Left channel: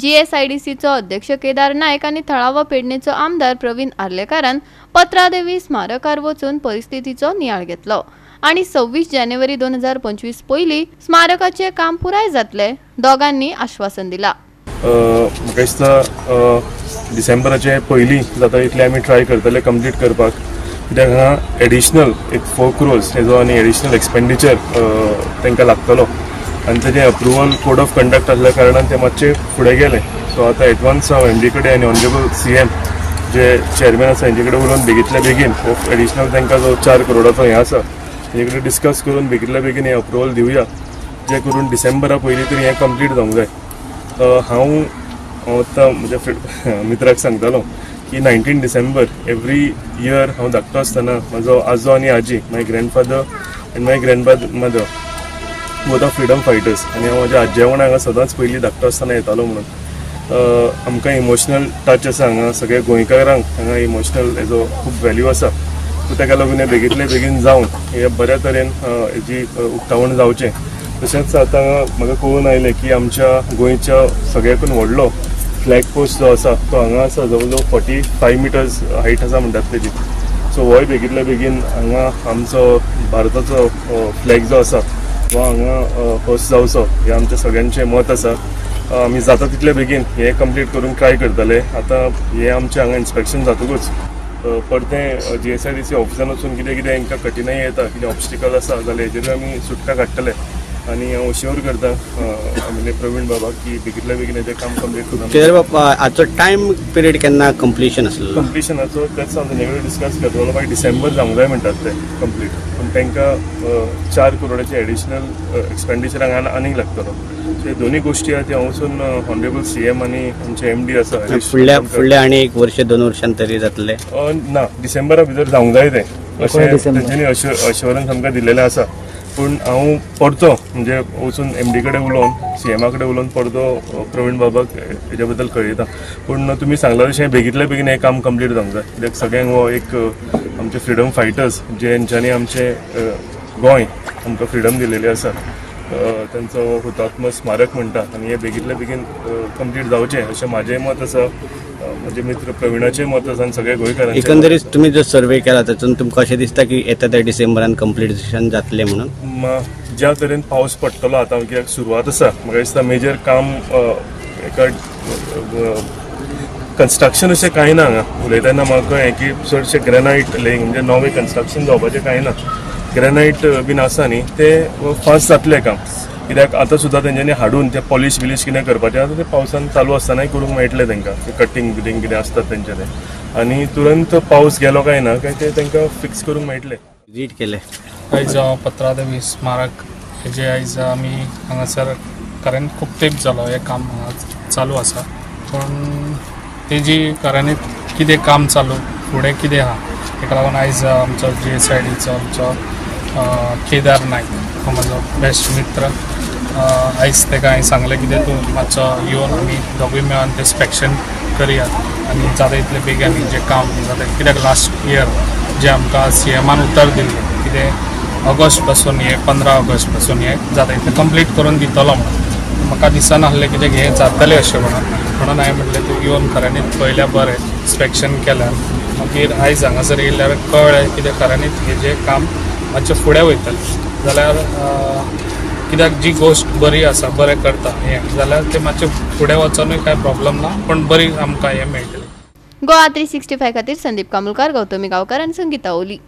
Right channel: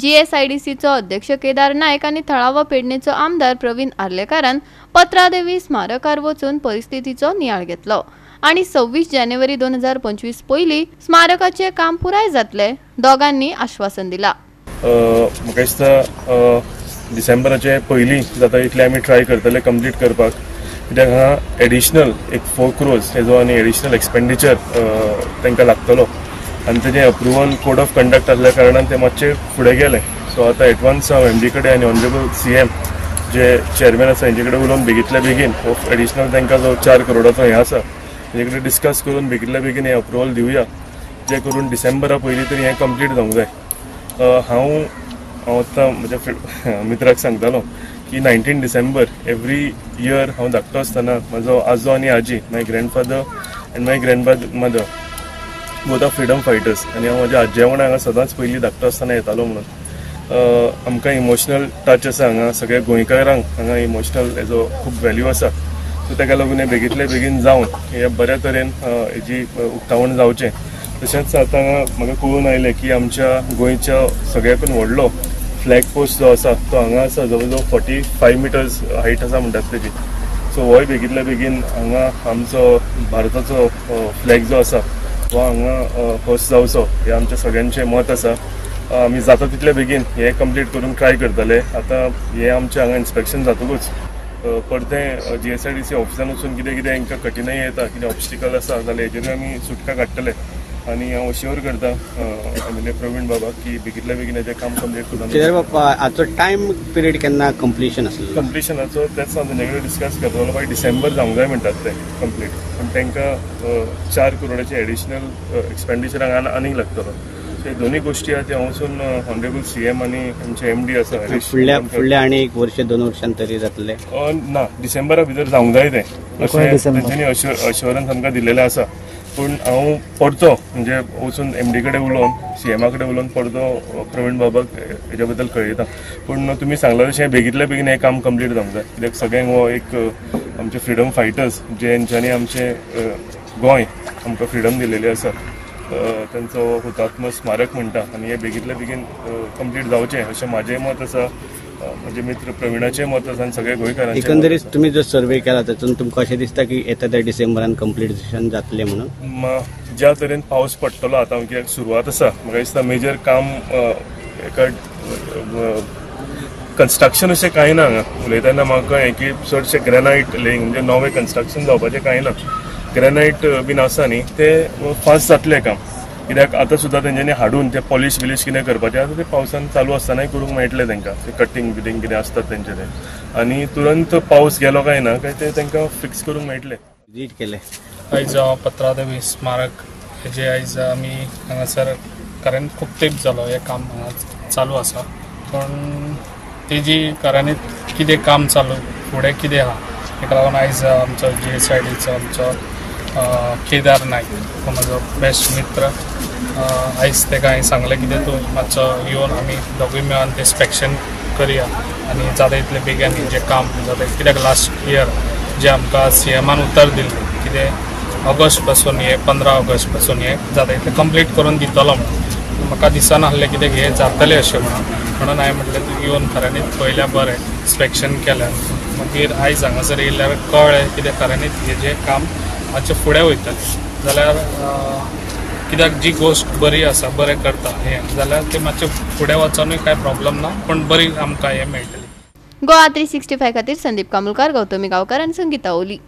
जीएसआयडीसीचो अध्यक्ष केदार नायक आणि थळावा पेडणेचो आमदार प्रवीण आर्लेकारान पत्रादेवी स्मारकार वचून परिस्थितीचो नियाळ घेतलो आणि 26 जानेवारी 2025 पयली स्मारकाचे काम पुराय जातले दोगांनी आश्वासन दिला। डिसेंबराचे पयली जाता इतले आमी ट्राय करतले कंप्लीट करपाक, कित्याक हांगा एडिशनल एक 4 crores हेजो आनी एडिशनल एक्सपेंडिचर तांकां लागतलो आनी तेजे अप्रुवल कोड ऑफ कंडक्ट आसल्या कारणान ते मातशे फुडें गेले। सो आतां एडवान्स हांव एमडी कडेन आनी ऑनरेबल सीएम जे चेअरमॅन आसा हेंचे कडेन उलोवन बेगीतल्या बेगीन एडिशनल तांकां जो 4 करोडाचो हें आसा तेजे कडेन डिस्कस करून बेगीतल्या बेगीन हें अप्रुवल दिवया, जे करून डिसेंबरा पयलीं तरी हें कंप्लीट जावंक जाय। हांव आतां म्हज्या मित्राक सांगतालो की 19 डिसेंबर एवरी इयर हांव धाकटो आसतना म्हजो आजो आनी आजी, my grandfather and my grandmother both of freedom fighters, आनी हांव म्हज्या आज्या वांगडा हांगा सदांच पयलीं धाकटो आसतना येतालो म्हणून आमकां इमोशनल टच आसा हांगा सगळ्या गोंयकारांक, हांगा इमोशनल हेजो खूब व्हॅल्यू आसा। सो ताका लागून हें बेगीतले बेगीन जावन हे बऱ्या तरेन हेजी उक्तावण जावचें। तशेंच आतां म्हाका कळून आयलें की आमच्या गोंयच्या सगळ्याकून व्हडलो फ्लॅग पोस्ट जो आसा तो हांगा आसा, जवळ जवळ 45 मिटर्स हायट आसा म्हणटात तेजी। सो होय बेगीतल्या बेगीन हांगा आमचो भारताचो फ्लॅग जो आसा हो हांगा होस्ट जावचो हें आमच्या सगळ्यांचें मत आसा। आमी जाता तितले बेगीन हे कंप्लीट करून ट्राय करतले। आतां हे आमचे हांगा इन्स्पेक्शन जातकूच परतें जीएसआयडीसी ऑफिसान वचून कितें कितें हांकां कठिनाई येता, कितें ऑब्स्टिकल आसा जाल्यार हेजेर आमी सुटका काडटले आनी हांव श्योर करता आमगे प्रवीण बाबा की बेगीतल्या बेगीन हेजें काम कंप्लीट करून। केदार बाबा हाचो टायम पिरियड केन्ना कंप्लीशन आसलो? कंप्लीशनाचो तेच हांव तेजे कडेन डिस्कस करतलो, मागीर डिसेंबर जावंक जाय म्हणटात ते कंप्लीट, पूण तांकां 4 करोडाचे एडिशनल एक्सपेंडिचर हांगा आनीक लागतलो। हे दोन्ही गोष्टी आहेत ते हांव वचून ऑनरेबल सीएम आनी आमचे एमडी आसा फुडल्या आनी 1 वर्ष 2 वर्षां तरी जातले ना, डिसेंबरा भितर जावंक जाय ते अशें तेंच्यांनी अश्योरन्स आमकां दिलेलें आसा। पूण हांव परतो म्हणजे वचून एमडी कडेन उलोवन सीएमा कडेन उलोवन परतो प्रवीण बाबाक हेजे बद्दल कळयता। पूण तुमी सांगला तशें बेगीतल्या बेगीन हें काम कंप्लीट जावंक जाय, कित्याक सगळ्यांक हो एक आमचे फ्रिडम फायटर्स जेंच्यांनी आमचें गोंय आमकां फ्रिडम दिलेली आसा तांचो हुतात्मा स्मारक म्हणटा आनी हे बेगीतल्या बेगीन कंप्लीट जावचें अशें म्हाजें मत आसा, म्हजे मित्र प्रवीणाचें मत आसा आनी सगळ्या गोंयकारांचें। एकंदरीत तुमी जो सर्वे केला तातूंत तुमकां अशें दिसता की येता त्या डिसेंबरान कंप्लीशन जातलें म्हणून? ज्या तरेन पावस पडटलो आतां कित्याक सुरवात आसा, म्हाका दिसता मेजर काम एका कन्स्ट्रक्शन अशें कांय ना हांगा। उलयतना म्हाका हें की चडशें ग्रेनायट लेयिंग म्हणजे नवें कन्स्ट्रक्शन जावपाचें कांय ना, ग्रेनायट बीन आसा न्ही तें फास्ट जातलें काम, कित्याक आतां सुद्दां तेंच्यांनी हाडून तें पॉलिश बिलीश कितें करपाचें आतां तें पावसान चालू आसतनाय करूंक मेळटलें तांकां, कटींग बिटींग कितें आसता तेंचें तें, आनी तुरंत पावस गेलो काय ना काय तें तांकां फिक्स करूंक मेळटलें। विजीट केलें आयज पत्रादेवी स्मारक हेजे आयज आमी हांगासर कारण खूब तेंप जालो हें काम चालू आसा, पूण तेजी खऱ्यांनीच कितें काम चालू फुडें कितें आहा ताका लागून आयज आमचो जीएसआयडीचो आमचो केदार नायक हो म्हजो बेस्ट मित्र, आयज ताका हांवें सांगलें कितें तूं मातसो येवन आमी दोगूय मेळोन तें इन्स्पेक्शन करया आनी जाता तितले बेगीन जें काम जालें, कित्याक लास्ट इयर जें आमकां सीएमान उतर दिल्लें कितें ऑगस्ट पासून हे 15 ऑगस्ट पासून हे जाता तितलें कंप्लीट करून दितलो म्हणून म्हाका दिसनासलें कितें हें जातलें अशें म्हणून हांवें म्हणलें तूं येवन खऱ्यांनीच पयल्या बरें इन्स्पेक्शन केलें, मागीर आयज हांगासर येयल्यार कळ्ळें कितें खऱ्यांनीच हेजें काम मातशें फुडें वयतलें जाल्यार कित्याक जी गोश्ट बरी आसा बरें करता हें जाल्यार तें मातशें फुडें वचोनूय कांय प्रॉब्लम ना, पूण बरी आमकां हें मेळटलें। गोवा 365 खातीर संदीप कामुलकार, गौतमी गांवकार आनी संगीता ओली।